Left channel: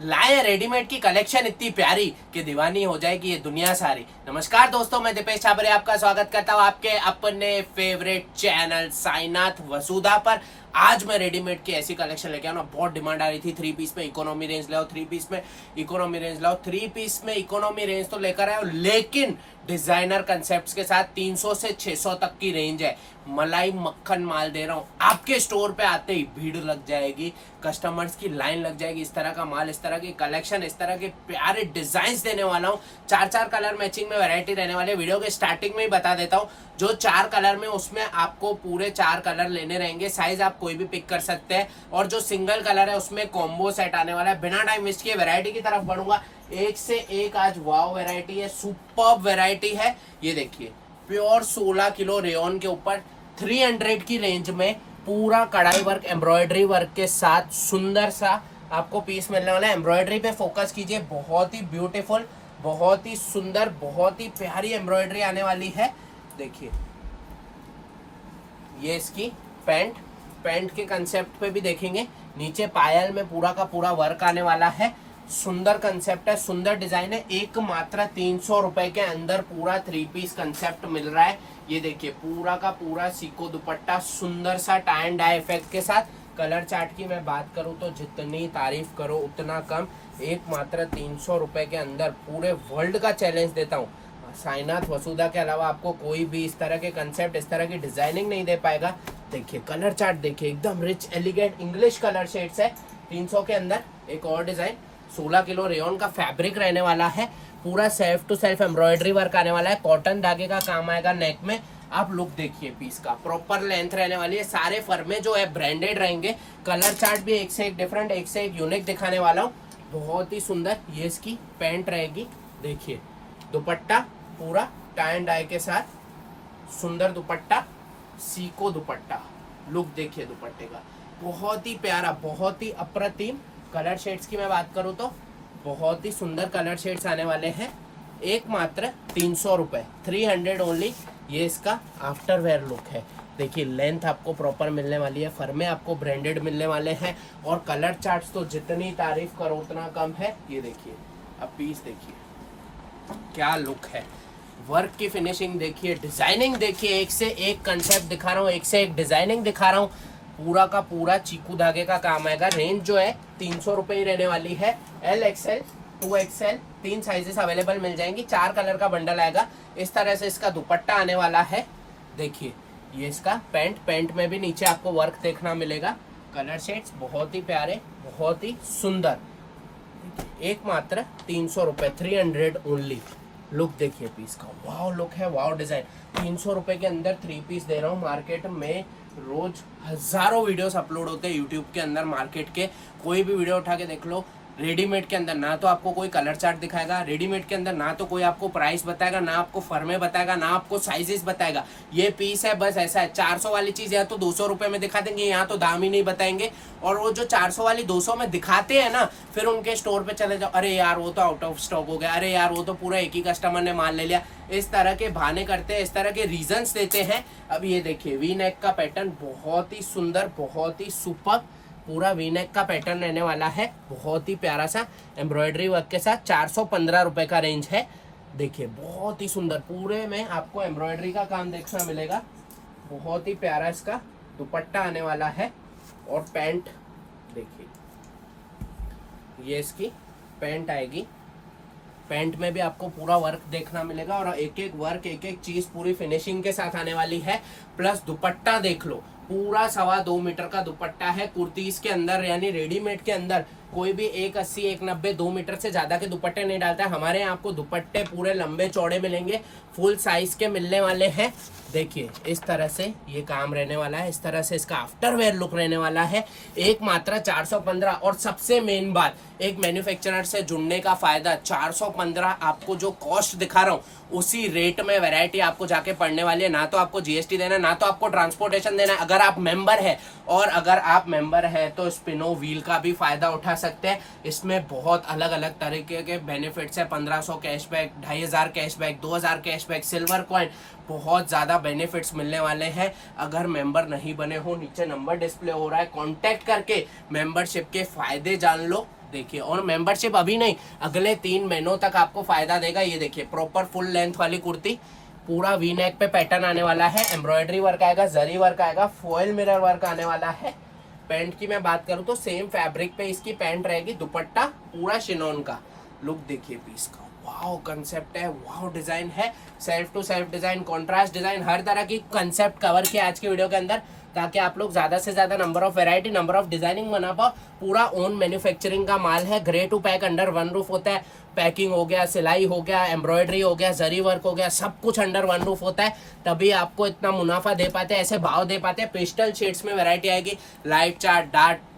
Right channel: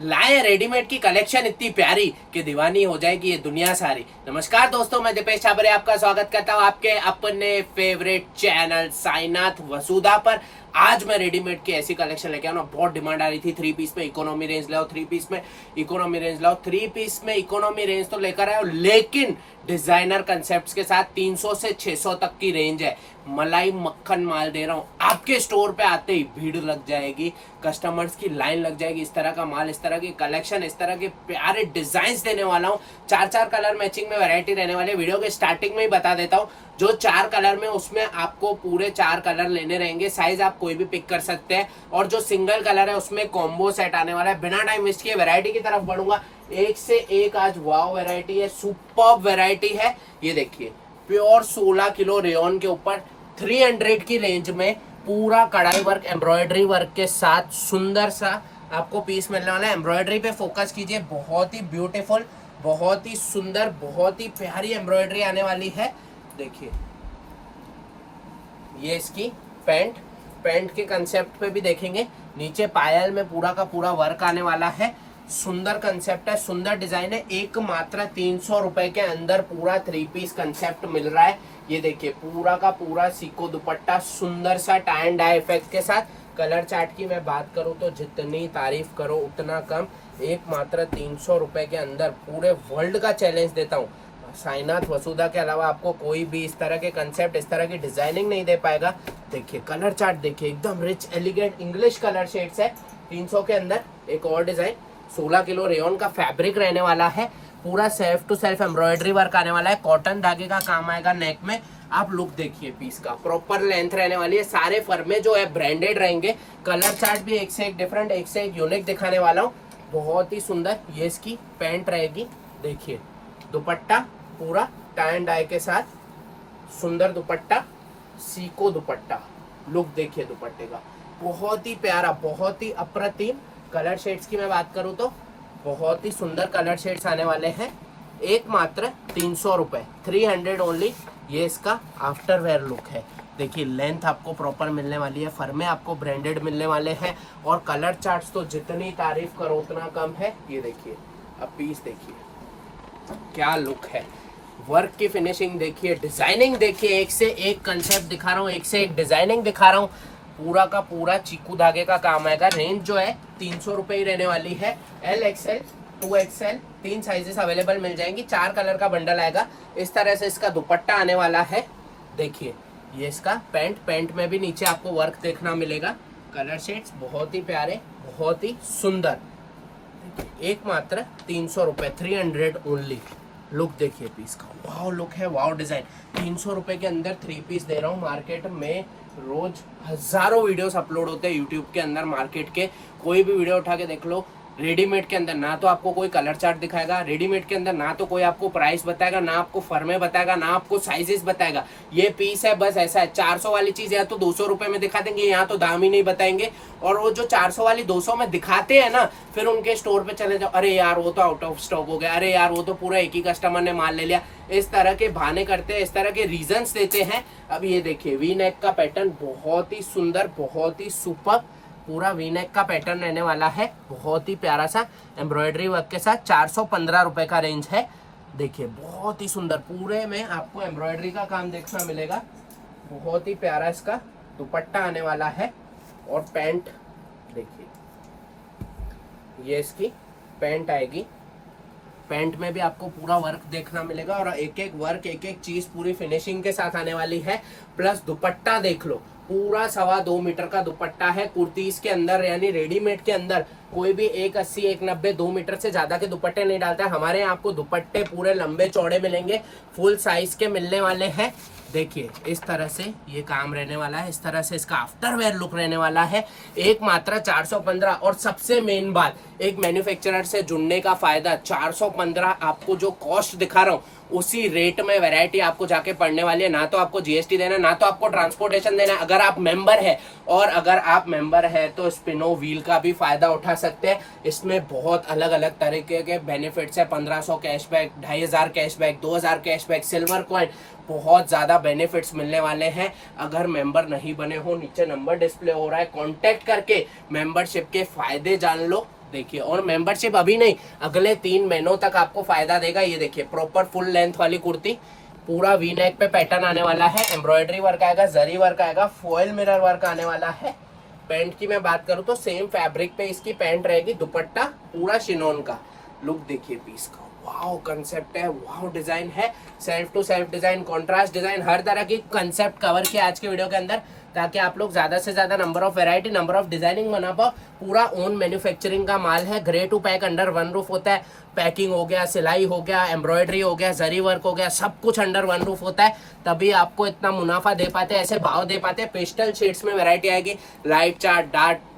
लाए रेडीमेड की कलेक्शन इतनी प्यारी कि दीवानी हो जाएगी ये दुनिया सारी। नमस्कार दोस्तों, मैं दीपेश छाबरे आपका स्वागत करता हूं आपके अपने फेवरेट चैनल साईनाथ वसुधा पर। आज मैं रेडीमेड की ऐसी कलेक्शन लेके आऊँ, बहुत डिमांड आ रही थी। 3 पीस में इकोनॉमी रेंज लाओ, 3 पीस में इकोनॉमी रेंज लाओ, 3 पीस में इकोनॉमी रेंज तो लेकर आए, लेकिन डिजाइनर कंसेप्ट के साथ 300 से 600 तक की रेंज है। मलाई मक्खन माल दे रहा हूँ। आपके स्टोर पे आते ही भीड़ लग जाएगी, कस्टमर्स की लाइन लग जाएगी। इस तरह का माल, इस तरह की कलेक्शन, इस तरह के प्यारे डिजाइन देने वाला हूँ। 4 कलर मैचिंग में वैरायटी रहने वाली है। वीडियो के स्टार्टिंग में ही बता देता हूँ, जो 4 कलर में उसमें आपको पूरे 4 कलर लेने रहेंगे। साइज आप कोई भी पिक कर सकते हैं, और जो सिंगल कलर है उसमें कॉम्बो सेट आने वाला है। बिना टाइम वेस्ट किए वैरायटी की तरफ बढ़ूंगा। एक से एक आज वाव वैरायटी है, सुपर्ब वैरायटी है। ये देखिए, प्योर 16 किलो रेयन के ऊपर 300 की रेंज में पूरा कढ़ाई वर्क, एम्ब्रॉयडरी वर्क के साथ सुंदर सा आपको पीस मिलने वाला है। एम्ब्रॉयडरी पे फोकस कीजिए, बहुत ही ब्यूटीफुल, बहुत ही सुंदर, बहुत ही प्यारी एम्ब्रॉयडरी आने वाली है। देखिए, ये इसकी पैंट के कंसेप्ट पे भी देखेंगे। नीचे पायल में पूरा का पूरा वर्क आने वाला है। सुंदर कंसेप्ट है, सुंदर डिजाइन है। एक मात्र 300 रुपए के अंदर पूरा 3 पीस कंसेप्ट मिल रहा है। ये देखिए, पूरा का पूरा सीको दुपट्टा, सुंदर सा टाई एंड डाई इफेक्ट के साथ। कलर चार्ट की मैं बात करूं तो जितनी तारीफ करो उतना कम। एक मात्र 300 रुपए के अंदर पूरे वर्ल्ड का चैलेंज देता हूँ। साईनाथ वसुधा के अलावा आपको कोई भी इस तरह के कंसेप्ट, इस तरह की डिजाइनिंग नहीं दे पाएगा। देखिए कलर चार्ट, देखिए एकदम rich elegant English colour shades है। 300 के अंदर एक और डिजाइन, 16 किलो रेयन का फैब्रिक रहने वाला है। पूरा self to self embroidery work आने वाला है। कॉटन धागे का काम आएगा नेक में। आप लुक देखिए पीस का, प्रॉपर लेंथ रहने वाली है। सारे फर्मे जो है ब्रांडेड रहेंगे। कलर चार्ट भी एक से एक डिफरेंट, एक से एक यूनिक दिखाने वाला हूँ। बहुत ही सुंदर ये इसकी पैंट रहेगी। देखिए, दुपट्टा पूरा टाई एंड डाई के साथ, सुंदर दुपट्टा, सीको दुपट्टा। लुक देखिए दुपट्टे का, बहुत ही प्यारा, बहुत ही अप्रतिम। कलर शेड्स की मैं बात करूं तो बहुत ही सुंदर कलर शेड्स आने वाले हैं। एक मात्र 300 रुपए, 300 ओनली। ये इसका आफ्टर वेयर लुक है। देखिए, लेंथ आपको प्रॉपर मिलने वाली है, फर्मे आपको ब्रांडेड मिलने वाले हैं, और कलर चार्ट्स तो जितनी तारीफ करो उतना कम है। ये देखिए, अब पीस देखिए क्या लुक है। वर्क की फिनिशिंग देखिए, डिजाइनिंग देखिए, एक से एक कंसेप्ट दिखा रहा हूँ, एक से एक डिजाइनिंग दिखा रहा हूँ। पूरा का पूरा चीकू धागे का काम आएगा। रेंज जो है 300 रुपए ही रहने वाली है। L XL 2XL 3 sizes available मिल जाएंगी। 4 कलर का बंडल आएगा। इस तरह से इसका दुपट्टा आने वाला है। देखिए, ये इसका पैंट में भी नीचे आपको वर्क देखना मिलेगा। कलर शेड्स बहुत ही प्यारे, बहुत ही सुंदर। एक मात्र 300 रुपए, 300 ओनली। लुक देखिए पीस का, वाव लुक है, वाव डिजाइन। 300 रुपए के अंदर 3 पीस दे रहा हूँ। मार्केट में रोज हजारों वीडियोस अपलोड होते हैं यूट्यूब के अंदर। मार्केट के कोई भी वीडियो उठा के देख लो, रेडीमेड के अंदर ना तो आपको कोई कलर चार्ट दिखाएगा, रेडीमेड के अंदर ना तो कोई आपको प्राइस बताएगा, ना आपको फर्मे बताएगा, ना आपको साइजेस बताएगा। ये पीस है, बस ऐसा है। 400 वाली चीज या तो 200 रुपए में दिखा देंगे, यहाँ तो दाम ही नहीं बताएंगे। और वो जो 400 वाली 200 में दिखाते हैं ना, फिर उनके स्टोर पे चले जाओ, अरे यार वो तो आउट ऑफ स्टॉक हो गया, अरे यार वो तो पूरा एक ही कस्टमर ने माल ले लिया। इस तरह के बहाने करते हैं, इस तरह के रीजंस देते हैं। अब ये देखिए, वी नेक का पैटर्न बहुत ही सुंदर, बहुत ही सुपर। पूरा वी नेक का पैटर्न रहने वाला है। बहुत ही प्यारा सा एम्ब्रॉयडरी वर्क के साथ 415 रुपए का रेंज है। देखिए, बहुत ही सुंदर, पूरे में आपको एम्ब्रॉयडरी का काम देखना मिलेगा। बहुत ही प्यारा इसका दुपट्टा आने वाला है। और पैंट देखिए, ये इसकी पैंट आएगी। पैंट में भी आपको पूरा वर्क देखना मिलेगा, और एक एक वर्क, एक एक चीज पूरी फिनिशिंग के साथ आने वाली है। प्लस दुपट्टा देख लो, पूरा 2.25 मीटर का दुपट्टा है। कुर्तीज के अंदर यानी रेडीमेड के अंदर कोई भी 180, 190, 2 मीटर से ज्यादा के दुपट्टे नहीं डालता है। हमारे यहाँ आपको दुपट्टे पूरे लंबे चौड़े मिलेंगे, फुल साइज के मिलने वाले हैं। देखिए, इस तरह से ये काम रहने वाला है। इस तरह से इसका आफ्टर वेयर लुक रहने वाला है। एक मात्र 415। और सबसे मेन बात, एक मैन्युफैक्चरर से जुड़ने का फायदा, 415 आपको जो कॉस्ट दिखा रहा हूँ उसी रेट में वैरायटी आपको जाके पड़ने वाली है। ना तो आपको जीएसटी देना, ना तो आपको ट्रांसपोर्टेशन देना। अगर आप मेंबर है, और अगर आप मेंबर है तो स्पिनो व्हील का भी फायदा उठा सकते हैं। इसमें बहुत अलग अलग तरीके के बेनिफिट्स है। 1500 cashback, 2500 cashback, 2000 cashback, silver coin, बहुत ज़्यादा बेनिफिट्स मिलने वाले हैं। अगर मेंबर नहीं बने हो, नीचे नंबर डिस्प्ले हो रहा है, कांटेक्ट करके मेंबरशिप के फायदे जान लो। देखिए, और मेंबरशिप अभी नहीं, अगले 3 महीनों तक आपको फायदा देगा। ये देखिए प्रॉपर फुल लेंथ वाली कुर्ती, पूरा वी नेक पे पैटर्न आने वाला है, एम्ब्रॉयडरी वर्क आएगा, जरी वर्क आएगा, फॉयल मिरर वर्क आने वाला है। पैंट की मैं बात करूँ तो सेम फैब्रिक पे इसकी पैंट रहेगी, दुपट्टा पूरा शिनॉन का। लुक देखिए पीस का, वाओ कंसेप्ट है, वाओ डिजाइन है, self to self design, contrast design, हर तरह की कंसेप्ट कवर किया आज के वीडियो के अंदर, ताकि आप लोग ज्यादा से ज्यादा number of variety, number of designing बना पाओ। पूरा ओन मैन्युफैक्चरिंग का माल है, grey to pack under one roof होता है। पैकिंग हो गया, सिलाई हो गया, एम्ब्रॉयडरी हो गया, जरी वर्क हो गया, सब कुछ अंडर वन रूफ होता है, तभी आपको इतना मुनाफा दे पाते हैं, ऐसे भाव दे पाते हैं। पेस्टल शेड्स में वैरायटी आएगी, light chart,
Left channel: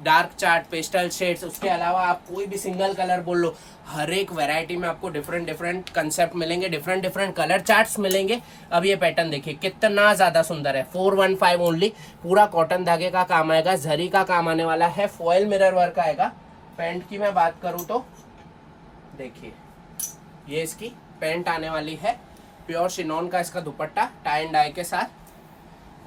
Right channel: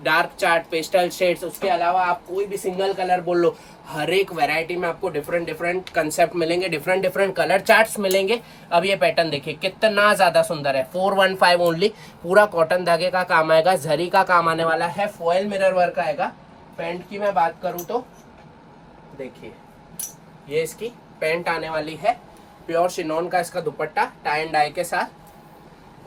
dark chart, pastel shades, उसके अलावा आप कोई भी सिंगल कलर बोल लो, हर एक वैरायटी में आपको डिफरेंट डिफरेंट कंसेप्ट मिलेंगे, डिफरेंट डिफरेंट कलर चार्ट्स मिलेंगे। अब ये पैटर्न देखिए कितना ज्यादा सुंदर है, 415 ओनली, पूरा कॉटन धागे का काम आएगा, जरी का काम आने वाला है, फॉयल मिरर वर्क आएगा। पैंट की मैं बात करूं तो देखिए, ये इसकी पैंट आने वाली है, प्योर शिनॉन का इसका दुपट्टा टाई एंड डाई के साथ,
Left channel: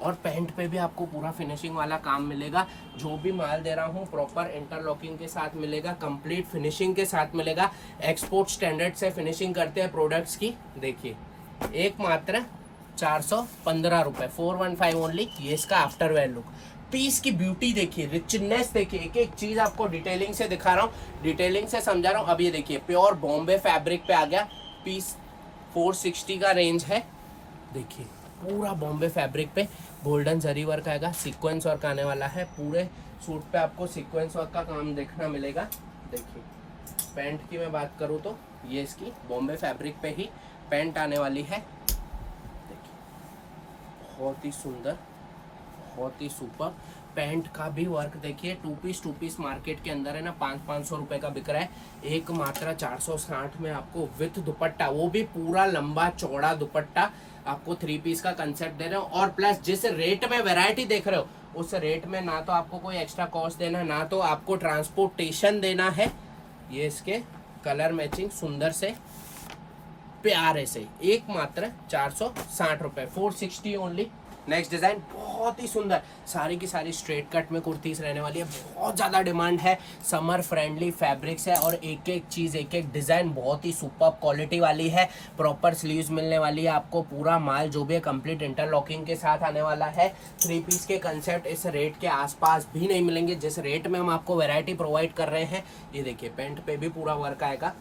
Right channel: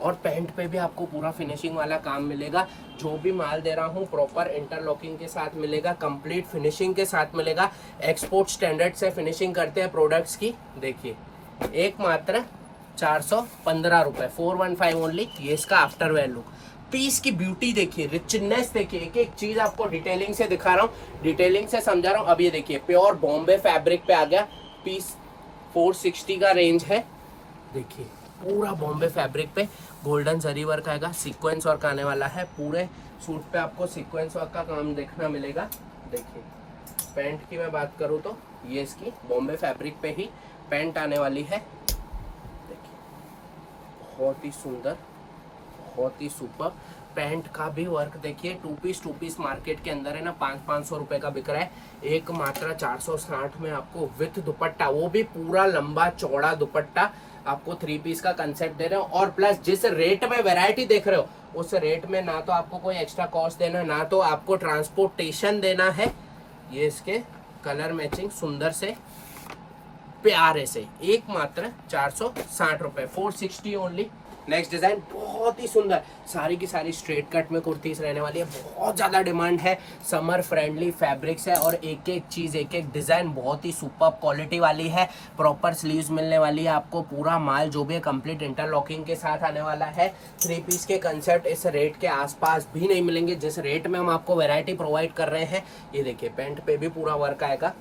और पैंट पे भी आपको पूरा फिनिशिंग वाला काम मिलेगा। जो भी माल दे रहा हूँ प्रॉपर इंटरलॉकिंग के साथ मिलेगा, कंप्लीट फिनिशिंग के साथ मिलेगा, एक्सपोर्ट स्टैंडर्ड से फिनिशिंग करते हैं प्रोडक्ट्स की। देखिए एक मात्र 415 रुपये, 415 ओनली। ये इसका आफ्टर वेयर लुक, पीस की ब्यूटी देखिए, रिचनेस देखिए, एक एक चीज आपको डिटेलिंग से दिखा रहा हूँ, डिटेलिंग से समझा रहा हूँ। अब ये देखिए प्योर बॉम्बे फैब्रिक पे आ गया, पीस 460 का रेंज है। देखिए पूरा बॉम्बे फैब्रिक पे गोल्डन जरी वर्क आएगा, सीक्वेंस वर्क आने वाला है, पूरे सूट पे आपको सीक्वेंस वर्क का काम देखना मिलेगा। देखिए पैंट की मैं बात करूँ तो ये इसकी बॉम्बे फैब्रिक पे ही पैंट आने वाली है। देखिए बहुत ही सुंदर, बहुत ही सुपर। पैंट का भी वर्क देखिए, टू पीस मार्केट के अंदर है ना 500 रुपए का बिक रहा है, एक मात्र 460 में आपको विथ दुपट्टा, वो भी पूरा लंबा चौड़ा दुपट्टा आपको 3 पीस का कंसेप्ट दे रहे हो। और प्लस जिस रेट में वैरायटी देख रहे हो, उस रेट में ना तो आपको कोई एक्स्ट्रा कॉस्ट देना है, ना तो आपको ट्रांसपोर्टेशन देना है। ये इसके कलर मैचिंग सुंदर से प्यारे से, एक मात्र 460 रुपए, 460 ओनली। नेक्स्ट डिजाइन बहुत ही सुंदर, सारी की सारी स्ट्रेट कट में कुर्तीज रहने वाली है, बहुत ज्यादा डिमांड है, समर फ्रेंडली फैब्रिक्स है, और एक एक चीज, एक एक डिजाइन बहुत ही सुपर क्वालिटी वाली है। प्रॉपर स्लीव्स मिलने वाली है आपको, पूरा माल जो भी है कंप्लीट इंटरलॉकिंग के साथ आने वाला है। 3 पीस के कंसेप्ट इस रेट के आसपास भी नहीं मिलेंगे जिस रेट में हम आपको वैरायटी प्रोवाइड कर रहे हैं। ये देखिए पैंट पे भी पूरा वर्क आएगा,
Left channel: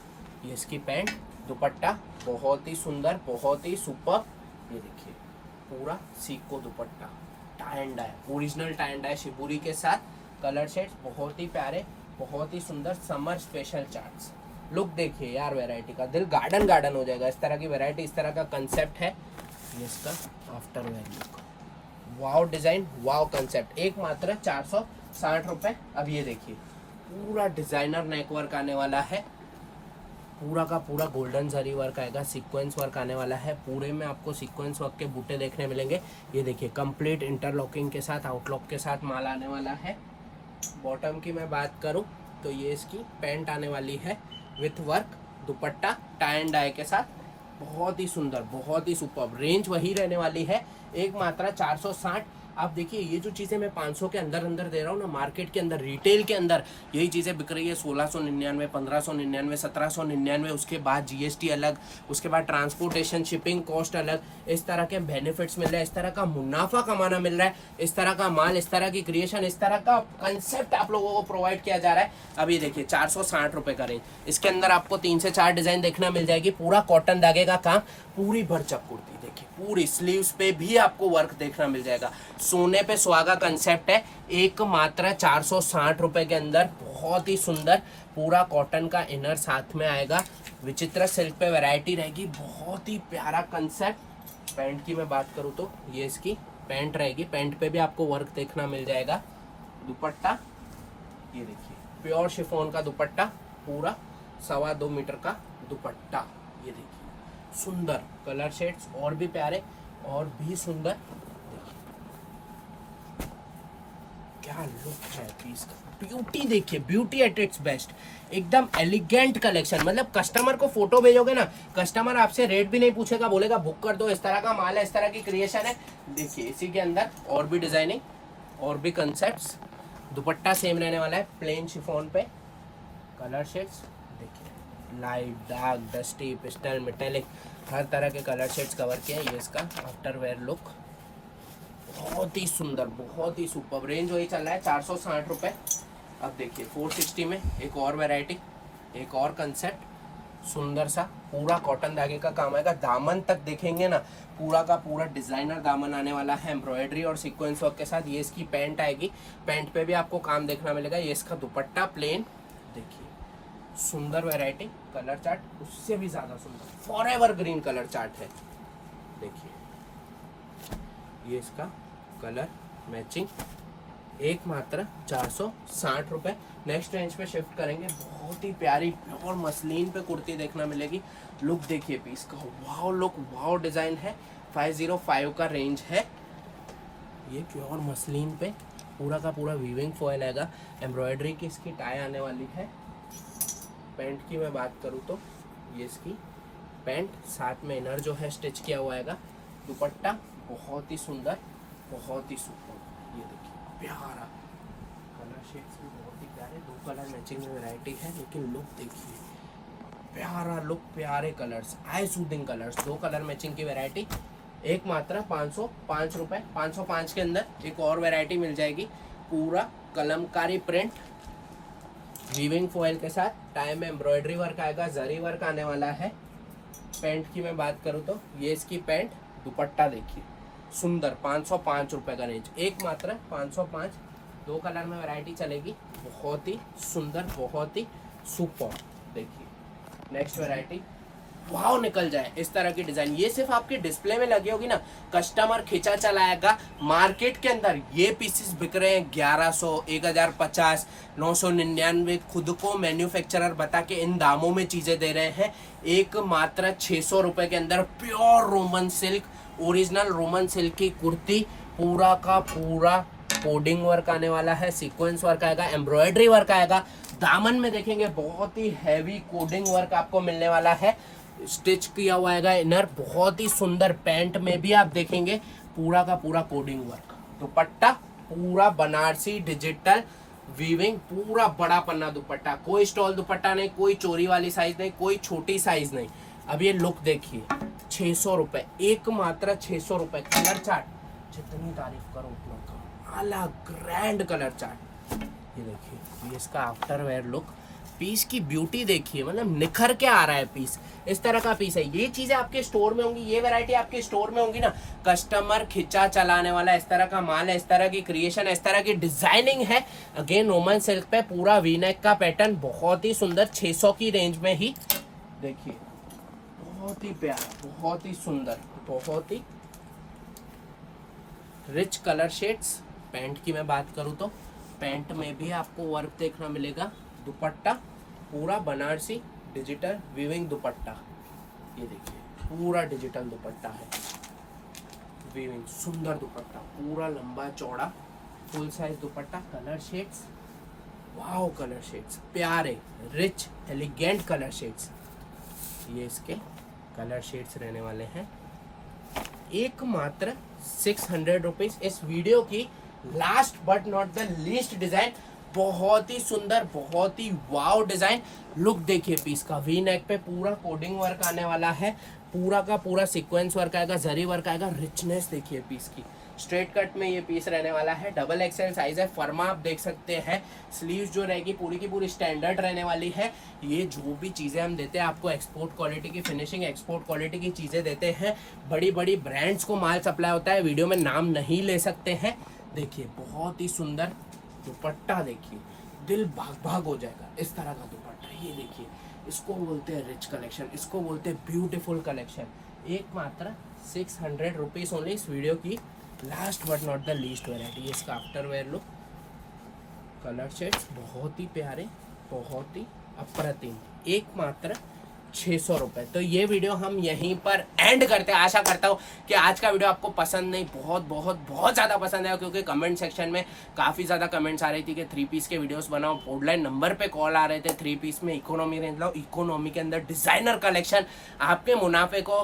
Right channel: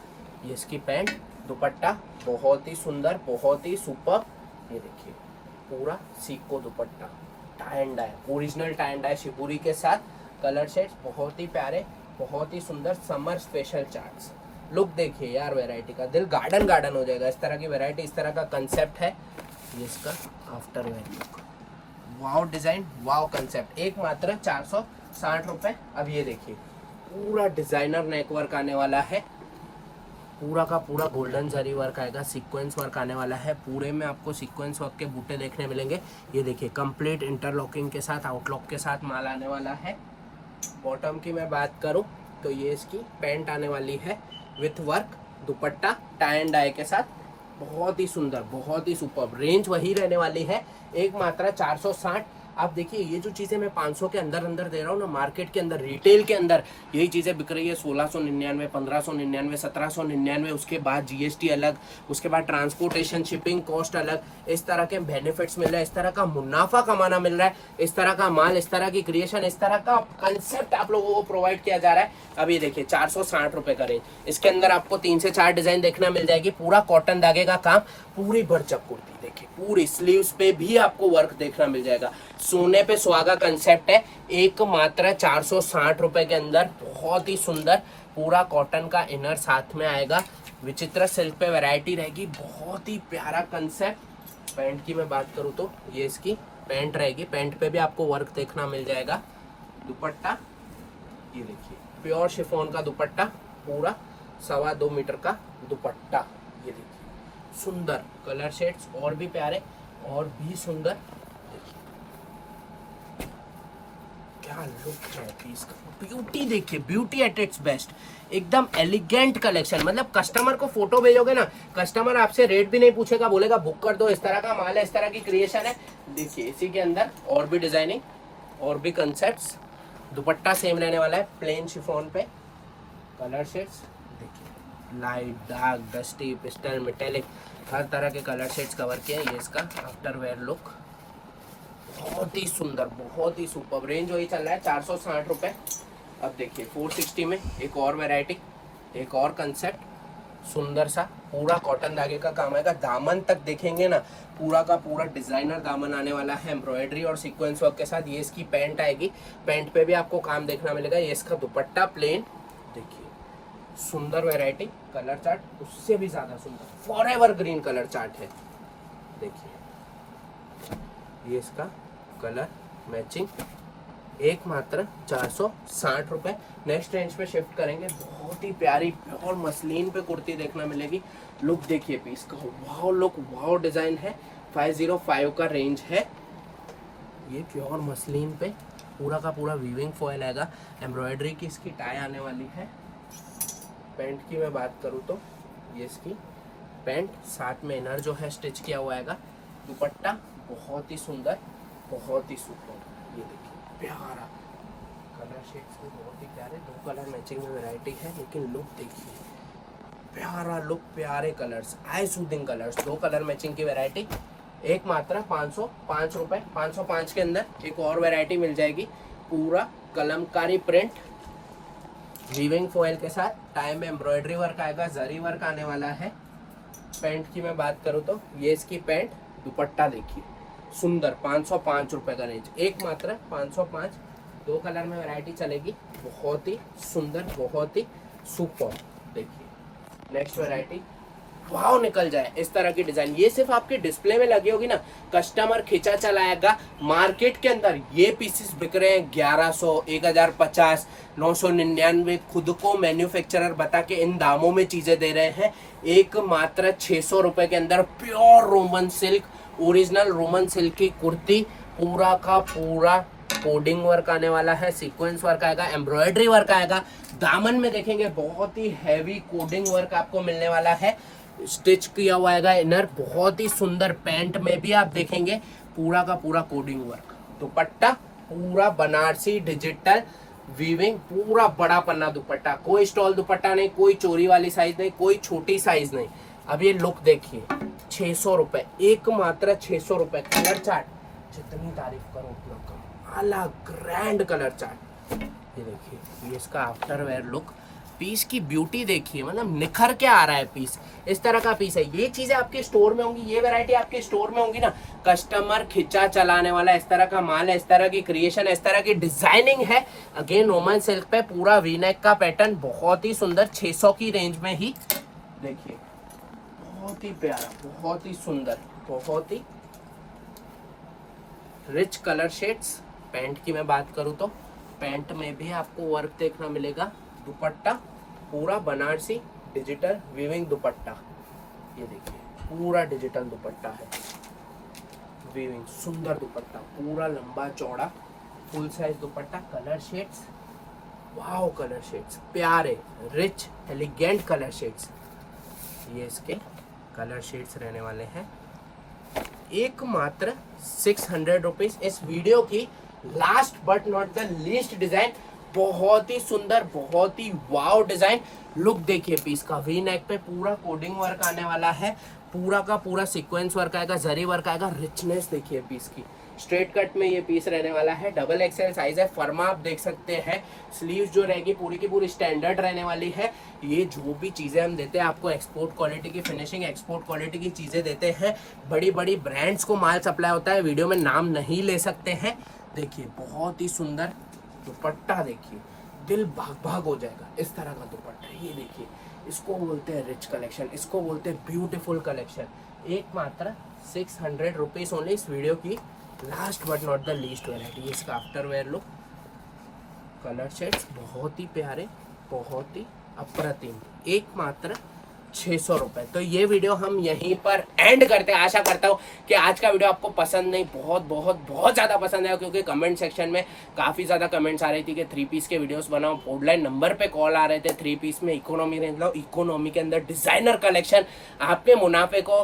ये इसकी पैंट, दुपट्टा बहुत ही सुंदर, बहुत ही सुपर। ये देखिए पूरा सीको दुपट्टा, tie and dye, original tie and dye shibori के साथ, कलर शेड्स बहुत ही प्यारे, बहुत ही सुंदर, समर स्पेशल चार्ट्स। लुक देखिए यार वैरायटी का, दिल गार्डन गार्डन हो जाएगा। इस तरह की वैरायटी, इस तरह का कंसेप्ट है। ये इसका after wear look, wow design, wow concept, एक मात्र 460 रुपए। अब ये देखिए पूरा डिजाइनर नेकवर्क आने वाला है, पूरा का पूरा गोल्डन जरी वर्क आएगा, सीक्वेंस वर्क आने वाला है, पूरे में आपको सीक्वेंस वर्क के बूटे देखने मिलेंगे। ये देखिए कंप्लीट इंटरलॉकिंग के साथ, आउटलॉक के साथ माल आने वाला है। बॉटम की मैं बात करूं तो ये इसकी पैंट आने वाली है विथ वर्क, दुपट्टा टाई एंड डाई के साथ, बहुत ही सुंदर, बहुत ही सुपर। रेंज वही रहने वाली है, एक मात्रा 460। आप देखिए ये जो चीज़ें मैं 500 के अंदर अंदर दे रहा हूँ ना, मार्केट के अंदर रिटेल के अंदर यही चीज़ें बिक रही है 1699, 1599, 1799, उसके बाद जीएसटी अलग, उसके बाद ट्रांसपोर्टेशन शिपिंग कॉस्ट अलग। इस तरह के बेनिफिट्स मिल रहे हैं, इस तरह का मुनाफा कमाना मिल रहा है, इस तरह का माल, इस तरह की क्रिएशन, इस तरह का कंसेप्ट आप लोगों को प्रोवाइड किया जा रहा है। अब ये देखिए 460 रुपये का रेंज, इसके अंदर आपको 3 से 4 डिजाइन देखना मिल जाएगी, पूरा कॉटन धागे का काम, पूरी भरचक कुर्ती देखिए, पूरी स्लीव्स पे भी आपको वर्क देखना मिल जाएगा, सोने पे सुहागा कंसेप्ट है, एक मात्र 460 रुपए के अंदर, बहुत ही सुंदर, पूरा कॉटन का इनर साथ में आएगा, विचित्र सिल्क पे वैरायटी रहेगी, बहुत ही प्यारा कंसेप्ट। पैंट की मैं बात करूँ तो ये इसकी पैंट रहेगी, पैंट पे भी आपको वर्क देखना मिल जाएगा। दुपट्टा ये देखिए प्योर शिफॉन का दुपट्टा, पूरा 2.25 मीटर का दुपट्टा, ये देखिए सुंदर, कलर शेड्स और भी प्यारे और भी सुंदर, क्या लुक है पीस का, ब्यूटी देखिए, ब्यूटी एट इट्स बेस्ट, एकदम एलिगेंट कलेक्शन। मतलब कस्टमर को फोटो भेजोगे ना, कस्टमर आपसे रेट भी नहीं पूछेगा, बोलेगा बुक कर दो, इस तरह का माल है, इस तरह की क्रिएशन है। देखिए इसी के अंदर और भी डिजाइनिंग और भी कंसेप्ट्स, दुपट्टा सेम रहने वाला है, प्लेन शिफॉन पे, कलर शेड्स देखिए, light, dark, dusty, pastel, metallic, हर तरह के कलर शेड्स कवर किए हैं। ये इसका आफ्टर वेयर लुक, बहुत ही सुंदर, बहुत ही सुपर। रेंज वही चल रहा है 460 रुपये। अब देखिए 460 में एक और वैरायटी, एक और कंसेप्ट, सुंदर सा पूरा कॉटन धागे का काम आएगा। दामन तक देखेंगे ना, पूरा का पूरा डिजाइनर दामन आने वाला है एम्ब्रॉयडरी और सीक्वेंस वर्क के साथ। ये इसकी पैंट आएगी, पैंट पे भी आपको काम देखना मिलेगा। ये इसका दुपट्टा प्लेन देखिए, सुंदर वैरायटी। कलर चार्ट उससे भी ज्यादा सुंदर, फॉरएवर ग्रीन कलर चार्ट है देखिए। ये इसका कलर मैचिंग, एक मात्र 460 रुपये। नेक्स्ट रेंज पे शिफ्ट करेंगे। बहुत ही प्यारी प्योर मसलिन पे कुर्ती देखना मिलेगी। लुक देखिए पीस का, वाव लुक, वाव डिजाइन है। 505 का रेंज है। ये प्योर मसलिन पे पूरा का पूरा वीविंग फॉयल आएगा। एम्ब्रॉयडरी की इसकी टाई आने वाली है। पैंट की मैं बात करूँ तो ये इसकी पैंट, साथ में इनर जो है स्टिच किया हुआ आएगा। दुपट्टा बहुत ही सुंदर, बहुत ही सुपर। ये देखिए प्यारा, कलर शेड्स भी बहुत ही प्यारे। 2 कलर मैचिंग में वैरायटी है, लेकिन लुक देखिए, प्यारा लुक, प्यारे कलर्स, आई सूदिंग कलर्स। 2 कलर मैचिंग की वैरायटी, एक मात्र 505 रुपये। 505 के अंदर एक और वैरायटी मिल जाएगी, पूरा कलमकारी प्रिंट वीविंग फॉयल के साथ। टाई में एम्ब्रॉयडरी वर्क आएगा, जरी वर्क आने वाला है। पैंट की मैं बात करूँ तो ये इसकी पैंट, दुपट्टा देखिए सुंदर। 505 रुपये का रेंज, एक मात्र 505। 2 कलर में वैरायटी चलेगी, बहुत ही सुंदर, बहुत ही सुपर। देखिए नेक्स्ट वैरायटी, वाव निकल जाए इस तरह की डिजाइन। ये सिर्फ आपकी डिस्प्ले में लगी होगी ना, कस्टमर खींचा चलाएगा। मार्केट के अंदर ये पीसेस बिक रहे हैं 1100, 1050, 999। खुद को मैन्युफैक्चरर बता के इन दामों में चीजें दे रहे हैं। एक मात्र 600 रुपए के अंदर pure Roman silk, original Roman silk की कुर्ती, पूरा का पूरा कोडिंग वर्क आने वाला है, सीक्वेंस वर्क आएगा, एम्ब्रॉयडरी वर्क आएगा। दामन में देखेंगे बहुत ही हैवी कोडिंग वर्क आपको मिलने वाला है, स्टिच किया हुआ आएगा इनर, बहुत ही सुंदर। पैंट में भी आप देखेंगे पूरा का पूरा कोडिंग वर्क। दुपट्टा पूरा बनारसी डिजिटल वीविंग, पूरा बड़ा पन्ना दुपट्टा, कोई स्टॉल दुपट्टा नहीं, कोई चोरी वाली साइज नहीं, कोई छोटी साइज नहीं। अब ये लुक देखिए, 600 रुपये, एक मात्र 600 रुपये। कलर चार्ट जितनी तारीफ करो उतना कम, अलग ग्रैंड कलर चार्ट। ये देखिए, ये इसका आफ्टर वेयर लुक। पीस की ब्यूटी देखिए, मतलब निखर के आ रहा है पीस। इस तरह का पीस है। ये चीजें आपके स्टोर में होंगी, ये वैरायटी आपके स्टोर में होंगी ना, कस्टमर खिंचा चलाने वाला इस तरह का माल है, इस तरह की क्रिएशन, इस तरह की डिजाइनिंग है। अगेन रोमन सिल्क पे पूरा वी नेक का पैटर्न, बहुत ही सुंदर। 600 की रेंज में ही देखिए, बहुत ही प्यारा, बहुत ही सुंदर, बहुत ही रिच कलर शेड्स। पैंट की मैं बात करूँ तो पैंट में भी आपको वर्क देखना मिलेगा। दुपट्टा पूरा बनारसी डिजिटल वीविंग दुपट्टा, ये देखिए पूरा डिजिटल दुपट्टा है, वीविंग सुंदर दुपट्टा, पूरा लंबा चौड़ा फुल साइज दुपट्टा। Colour shades, wow colour shades, प्यारे रिच एलिगेंट कलर शेड्स। ये इसके कलर शेड्स रहने वाले हैं। एक मात्र 600 रुपीज। इस वीडियो की last but not the least design, बहुत ही सुंदर, बहुत ही वाव डिजाइन। लुक देखिए पीस का, वी नेक पे पूरा कोडिंग वर्क आने वाला है, पूरा का पूरा सीक्वेंस वर्क आएगा, जरी वर्क आएगा। रिचनेस देखिए पीस की। स्ट्रेट कट में ये पीस रहने वाला है, डबल एक्सएल साइज है। फर्मा आप देख सकते हैं। स्लीव्स जो रहेगी पूरी की पूरी स्टैंडर्ड रहने वाली है। ये जो भी चीज़ें हम देते हैं आपको, एक्सपोर्ट क्वालिटी की फिनिशिंग, एक्सपोर्ट क्वालिटी की चीज़ें देते हैं। बड़ी बड़ी ब्रांड्स को माल सप्लाई होता है, वीडियो में नाम नहीं ले सकते हैं। देखिए बहुत ही सुंदर दुपट्टा, देखिए दिल भाग भाग हो जाएगा इस तरह का दुपट्टा। ये देखिए, इसको बोलते हैं रिच कलेक्शन, इसको बोलते हैं ब्यूटीफुल कलेक्शन। एक मात्र 600 रुपीज ओनली। इस वीडियो की last but not the least variety. इसका after wear look, colour shades बहुत ही प्यारे, बहुत ही अप्रतिम। एक मात्र 600 रुपये। तो ये वीडियो हम यहीं पर एंड करते हैं। आशा करता हूँ कि आज का वीडियो आपको पसंद नहीं, बहुत बहुत बहुत ज़्यादा पसंद है, क्योंकि कमेंट सेक्शन में काफ़ी ज़्यादा कमेंट्स आ रही थी कि 3 पीस के वीडियोस बनाओ। बोर्डलाइन नंबर पे कॉल आ रहे थे, 3 पीस में इकोनॉमी रेंज लाओ, इकोनॉमी के अंदर डिज़ाइनर कलेक्शन। आपके मुनाफे को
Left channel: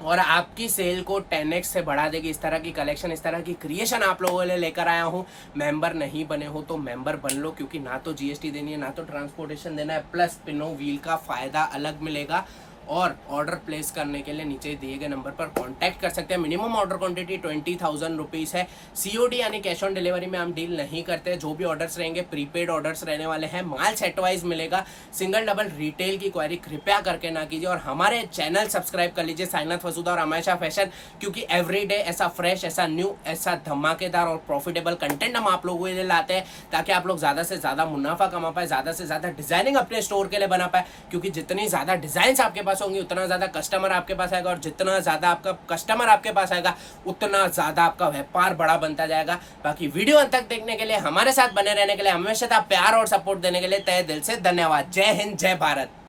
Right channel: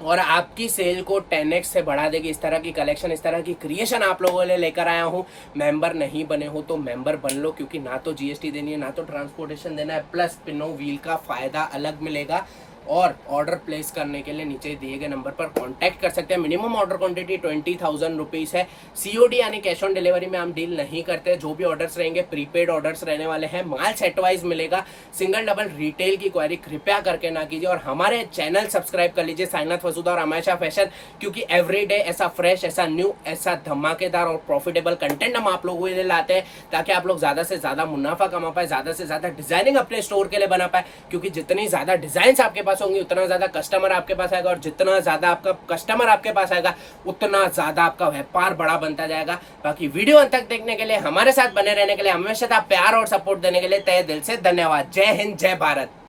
और आपकी सेल को 10x से बढ़ा देगी। इस तरह की कलेक्शन, इस तरह की क्रिएशन आप लोगों के लिए लेकर आया हूँ। मेंबर नहीं बने हो तो मेंबर बन लो, क्योंकि ना तो जीएसटी देनी है, ना तो ट्रांसपोर्टेशन देना है, प्लस पिनो व्हील का फायदा अलग मिलेगा। और ऑर्डर प्लेस करने के लिए नीचे दिए गए नंबर पर कांटेक्ट कर सकते हैं। मिनिमम ऑर्डर क्वांटिटी 20,000 रुपीज़ है। सीओडी यानी कैश ऑन डिलीवरी में हम डील नहीं करते। जो भी ऑर्डर्स रहेंगे प्रीपेड ऑर्डर्स रहने वाले हैं। माल सेट वाइज मिलेगा। सिंगल डबल रिटेल की क्वेरी कृपया करके ना कीजिए। और हमारे चैनल सब्सक्राइब कर लीजिए, साइनाथ वसुधा और हमेशा फैशन, क्योंकि एवरीडे ऐसा फ्रेश, ऐसा न्यू, ऐसा धमाकेदार और प्रॉफिटेबल कंटेंट हम आप लोगों के लिए लाते हैं, ताकि आप लोग ज़्यादा से ज़्यादा मुनाफा कमा पाए, ज़्यादा से ज़्यादा डिजाइनिंग अपने स्टोर के लिए बना पाए। क्योंकि जितनी ज़्यादा डिजाइन आपके पास होंगी उतना ज़्यादा कस्टमर आपके पास आएगा, और जितना ज़्यादा आपका कस्टमर आपके पास आएगा उतना ज़्यादा आपका व्यापार बड़ा बनता जाएगा। बाकी वीडियो अंत तक देखने के लिए, हमारे साथ बने रहने के लिए, हमेशा प्यार और सपोर्ट देने के लिए तहे दिल से धन्यवाद। जय हिंद, जय भारत।